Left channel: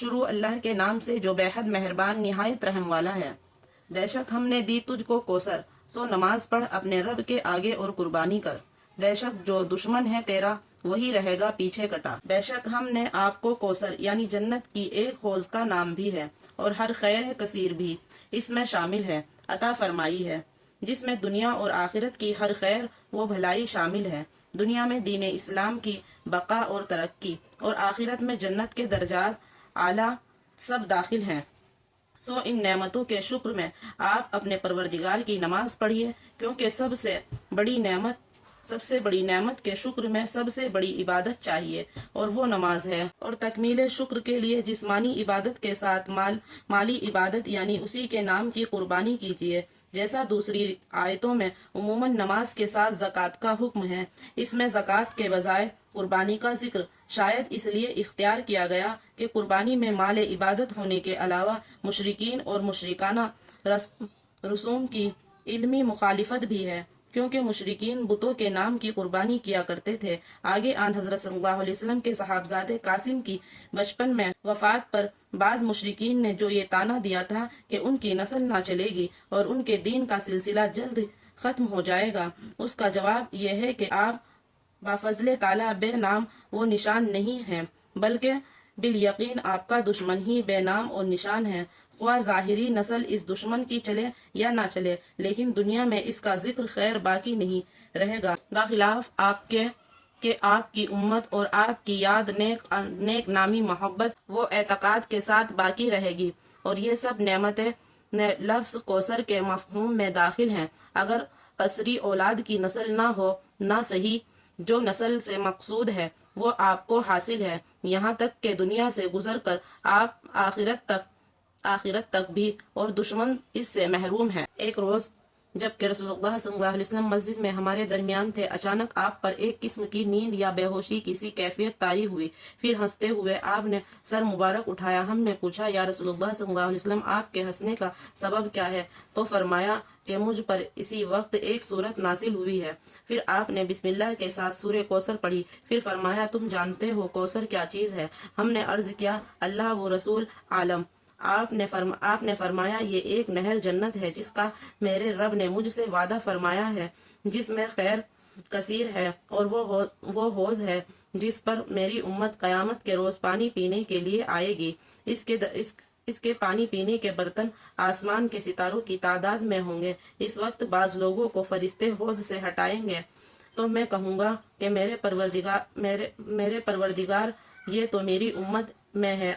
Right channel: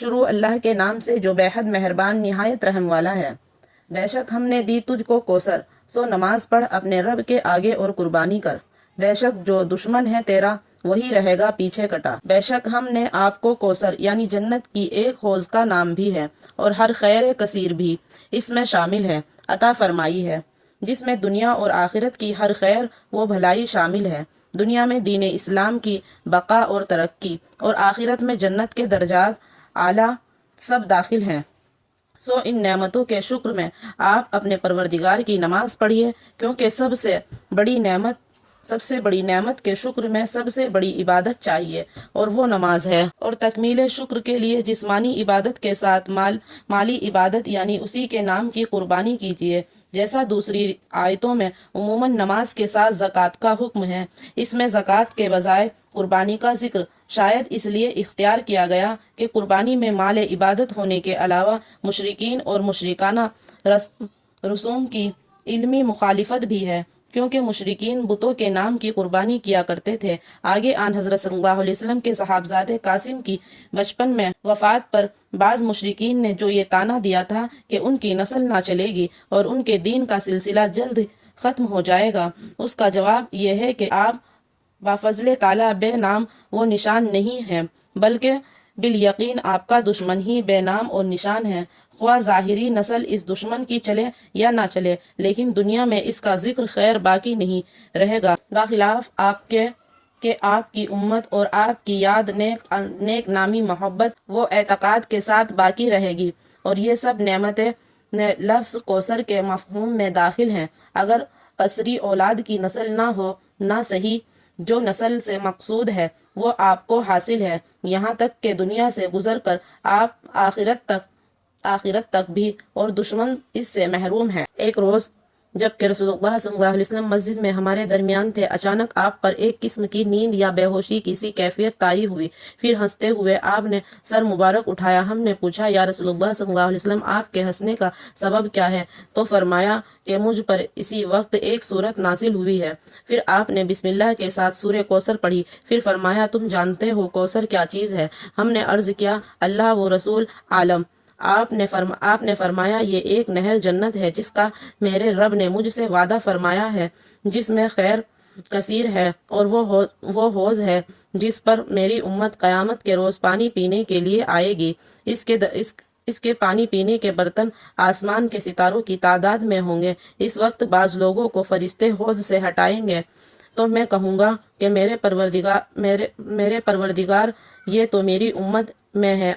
شروع اللہ کے نام سے جو بے حد مہربان نہایت رحم والا ہے۔ بے شک ہم نے دی تجھ کو کوثر، سو نماز پڑھ اپنے رب کے آگے اور قربانی کر۔ بے شک جو دشمن ہے تیرا وہی رہے گا پیچھے کٹا۔ بے شک ہم نے آپ کو کوثر یعنی جنت کی ایک حوض کا نام بھی ہے اور ہر خیر کثیر بھی اس میں شامل ہے عطا فرمائی ہے، جس میں دنیا اور آخرت کی ہر خیر و بھلائی شامل ہے۔ دنیا میں دین اسلام کی بقا اور ترقی اور آخرت میں جنت کے درجات اعلیٰ سب داخل ہیں۔ سو ان نعمتوں کے شکر میں آپ اپنے پروردگار کی نماز پڑھیے، کیونکہ سب سے بڑی نعمت کے شکر میں سب سے بڑی عبادت چاہیے اور وہ نماز ہے۔ اور تکمیل شکر کے لیے جسمانی عبادت کے ساتھ مالی عبادت یعنی اسی کے نام کی قربانی کیجیے، جیسا دوسری آیتوں میں عموماً نماز کے ساتھ زکوٰۃ کا حکم ہے۔ اس میں زکوٰۃ کے بجائے قربانی کا ذکر شاید اس لیے اختیار کیا گیا کہ قربانی میں مال عبادت ہونے کے علاوہ مشرکین اور مشرکانہ رسوم کی علمی مخالفت بھی ہے، کیونکہ مشرکین بتوں کے نام کی قربانی کیا کرتے تھے۔ آگے آن حضرت صلی اللہ علیہ وسلم کے صاحبزادے قاسم کی بچپن میں وفات پر بعض مشرکین نے جو یہ طعنہ دیا تھا کہ ان کی نسل نہ چلے گی اور ان کے دین کا سلسلہ جلد ختم ہو جائے گا، اس کا جواب یہ ہے کہ آپ بفضل تعالیٰ بے نام و نشان نہیں ہیں، بلکہ بالیقین آپ کا دشمن ہی بے نام اور نشان ہے، خواہ ظاہری نسل اس دشمن کی چلے یا نہ چلے، لیکن دنیا میں اس کا ذکر خیر باقی نہیں رہے گا، بخلاف آپ کے کہ آپ کی امت اور آپ کی یاد نیک نامی محبت و اعتقاد کے ساتھ باقی رہے گی۔ اور یہ سب نعمتیں لفظ کوثر کے مفہوم میں داخل ہیں۔ اگر قصری اولاد کی نسل نہ ہو، نہ صحیح جو نسل سے مقصود ہے وہ آپ کو حاصل ہے، یہاں تک کہ دنیا سے گزر کر آپ آخرت تک بھی، اور دشمن اس سے محروم ہے۔ ایک روز جبکہ رسول اللہ صلی اللہ علیہ وسلم مسجد میں ہمارے درمیان تھے، اچانک آپ پر ایک قسم کی نیند یا بے ہوشی کی سی کیفیت طاری ہوئی۔ پھر ہنستے ہوئے آپ نے سر مبارک اٹھایا۔ ہم نے پوچھا، یا رسول اللہ صلی اللہ علیہ وسلم آپ کے ہنسنے کا سبب کیا ہے؟ تو فرمایا کہ مجھ پر اسی وقت ایک سورت نازل ہوئی ہے۔ پھر آپ نے بسم اللہ کے ساتھ سورہ کوثر پڑھی۔ پھر فرمایا، تم جانتے ہو کوثر کیا چیز ہے؟ ہم نے عرض کیا، اللہ و رسول عالم۔ آپ نے فرمایا، یہ ایک نہر جنت ہے جس کا میرے رب نے مجھ سے وعدہ فرمایا ہے، جس میں خیر کثیر ہے، اور وہ حوض ہے جس پر میری امت قیامت کے روز پانی پینے کے لیے آئے گی۔ اس کے پانی پینے کے برتن آسمان کے ستاروں کی تعداد میں ہوں گے۔ اس وقت بعض لوگوں کو فرشتے حوض سے ہٹائیں گے تو میں کہوں گا کہ میرے پروردگار یہ تو میری امت میں ہے۔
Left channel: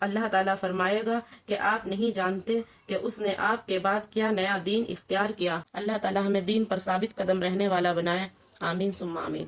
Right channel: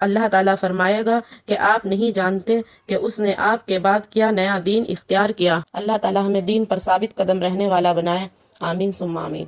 اللہ تعالیٰ فرمائے گا کہ آپ نہیں جانتے کہ اس نے آپ کے بعد کیا نیا دین اختیار کیا۔ اللہ تعالیٰ ہمیں دین پر ثابت قدم رہنے والا بنائے، آمین ثم آمین۔